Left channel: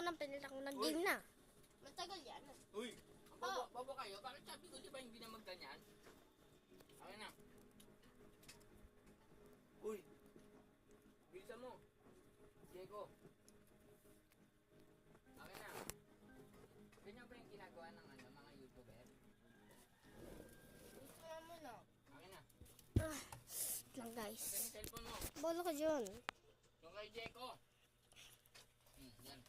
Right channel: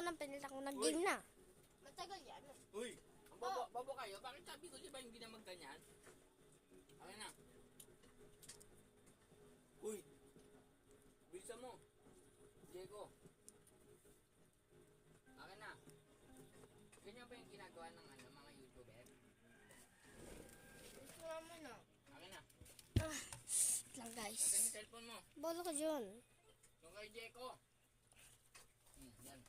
ako ng pinilitan ko. Nag-game na. Matagal yan. Uy! Bobo kayo? Bakit sabi ko di ba hindi na magganyan? Ayan na. Uy! Bilisan mo. Diego. Akin na. Ganyan ba yung ginagawa ng mga YouTuber? Gusto naman ah. Akin na. Wait lang guys. Akin yung cellphone mo. Bolo ka dyan. Yung kay Diego. Yan.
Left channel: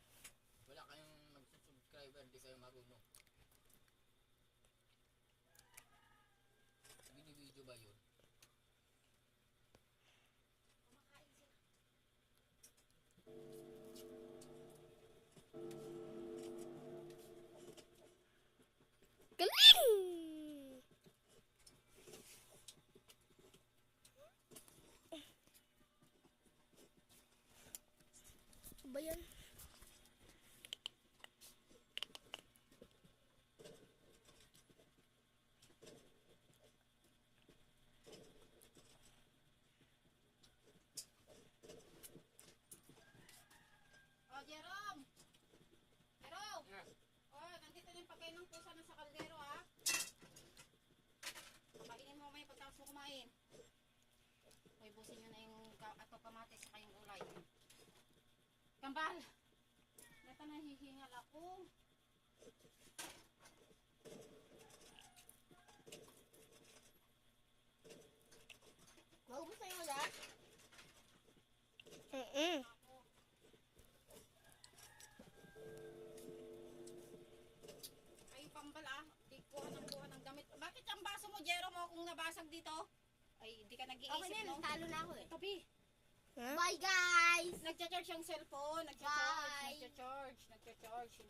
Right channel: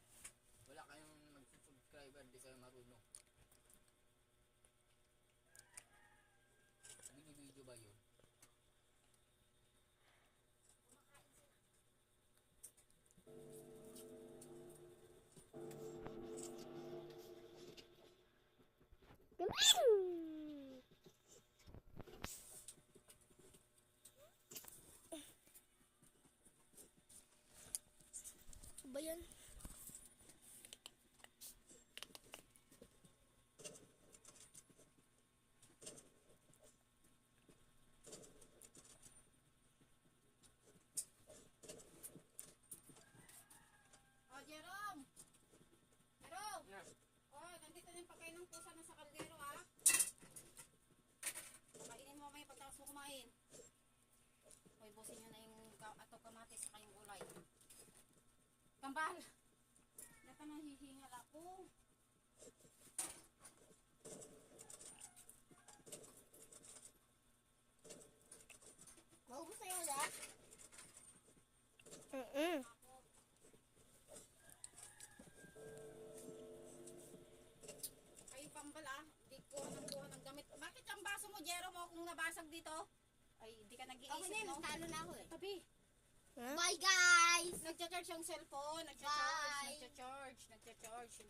Wala kayong mag-subscriber, di kayo marunong. Video ba yun? Galing! Ba yan? Oh, Jerome! Jerome! Yes. Oh, nandito na yung pagkain ng pusa na sa kaldero ah. Pakainin mo mamaya pagtapos mo kumain. Hoy, busin nyo na yung ato kamatis sa kayong gulay. Kambal! Nata nahihingal ako. Maubos na yung ulat? Ay, pambal ah. Di kuha ng damit. Bakit ang baso mo, Jero mo, kung nabasag dito? Ay, di ka nag-iisip, Okay na, no? talo na ako eh. Tabi. Ha? Bye guys! Nagcha-charge yung cellphone. Bye. Nagcha-charge.